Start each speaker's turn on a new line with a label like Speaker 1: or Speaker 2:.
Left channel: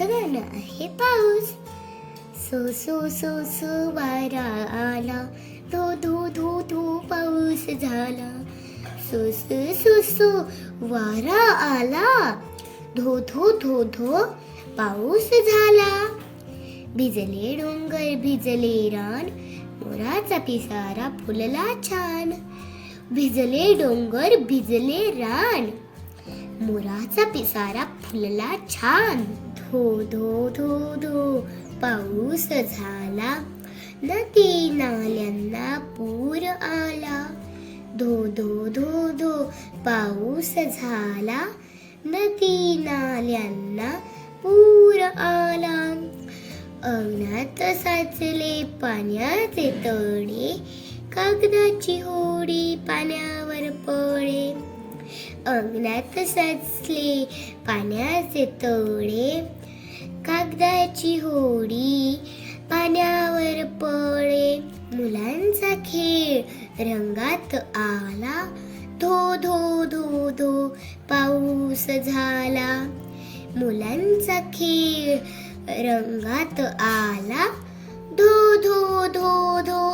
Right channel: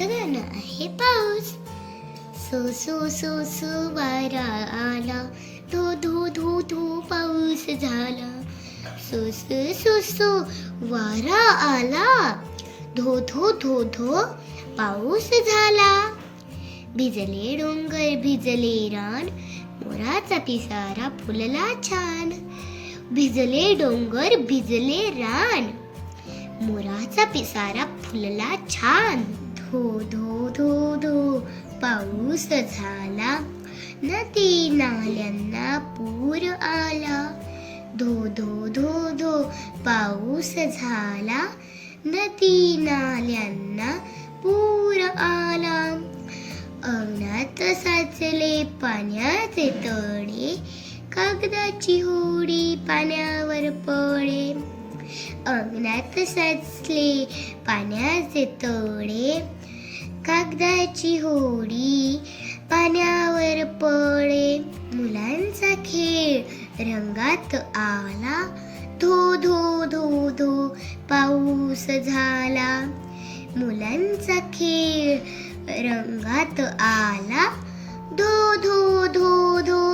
Speaker 1: आजचं आहे पाऊस. सो सो सो सो वारा आला. धो धो धो धो पाऊस झाला. सो सो सो सो वारा आला. धो धो धो धो पाऊस झाला. भिजले डोंगर भिजले रान. मोराचा पिसारा फुलला छान. भिजले डोंगर भिजले रान. मोराचा पिसारा फुलला छान. धो धो धो धो पाऊस झाला. नदी नाल्यांना पूर आला. धो धो धो धो पाऊस झाला. नदी नाल्यांना पूर आला. अंगणात साचले पाण्याचे तळे. कागदाची होडी पाण्यावर पळे. अंगणात साचले पाण्याचे तळे कागदाची होडी पाण्यावर पळे. मुलांचा खेळ रंगात आला. धो धो धो धो पाऊस झाला. मुलांचा खेळ रंगात आला. धो धो धो धो